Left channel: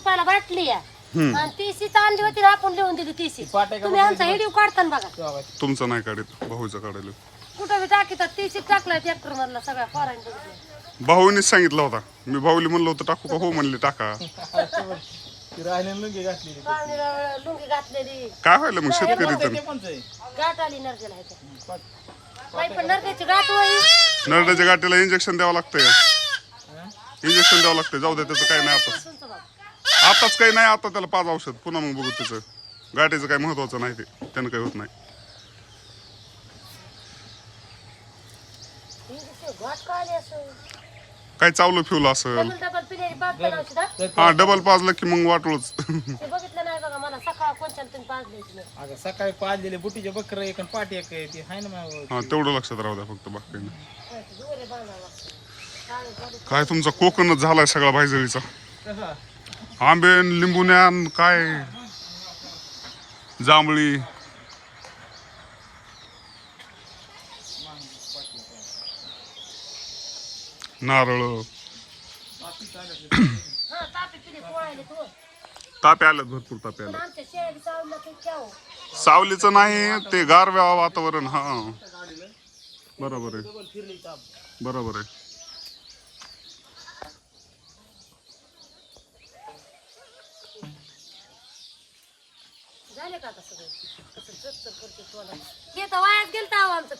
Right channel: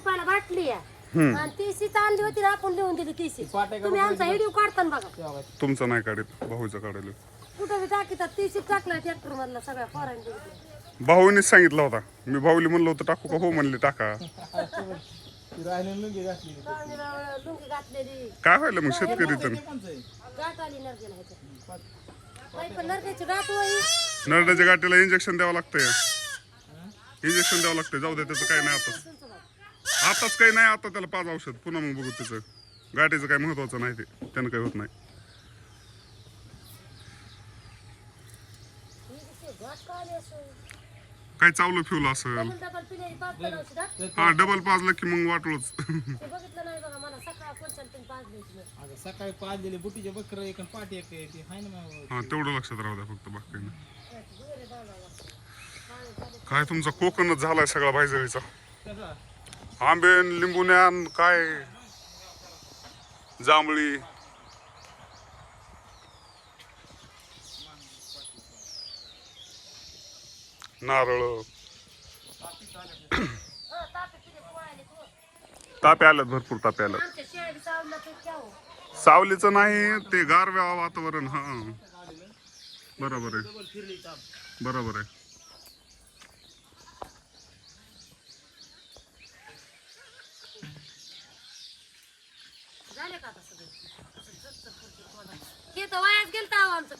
रुपयाला बाटली आहे आणि तीसी आणली होती ना आपण लिहून दिली तीसी तुम्ही आमचा व्हिडिओ काढताना बघा तुमचं नाही काढत भाऊचं काढायला कुठं बी टाकीतात तीसी टाकलाय ट्रॅक्टर मधला सगळ्या पोरांनी भाऊनीच सांगितलं होता मी भाऊली म्हणलं होतं टाकू का हो म्हणले टाका लुंगी घातलेली काय व्हायला मग शेतकरीचं गाठ आली नरड्याला ह्याच्या काही पण नरड्याची गाठ होई नरड्याच्या गाठीला इंजेक्शन द्यावं लागतंय इंजेक्शन द्यावं लागतंय जाऊ दे त्याचं काही नाही आताच काही नाही आता त्याला 5 औषध पुन्हा मग बघू त्याचं गाठीचं काही महत्वाचं नाही ते त्यानं काही होत नाही काय चावलं फिवलं असेल डबल पिण्याची बाटली नव्हती का? हा डबल पाजलं की मग वाटलंच ते बघितलं नाही बघा मला सकाळ कोणत्या तुम्ही पाजली नाही अगं सकाळी पाजलेले बुटीचे बकर एक आणि पाटी एक आहे ती हाय ना मग हा तेवढं लक्षात राहू द्या फक्त बाकी काही नाही काय तुमचा कोकणच झालाय सगळा भाईजळीचा आंबे लिंबुन्यान काय जांभळी नारळ हा तापी पिणे पोळायले तू तापे आल्यात भरपूर तापे आल्यात आमच्या शेळी चावला ते क्या सावलीचं नाही ते गारव्या वातावरण हा बरोबर आहे बरोबर आहे झाले का आता सगळे हे तर वायात गेलं आमचं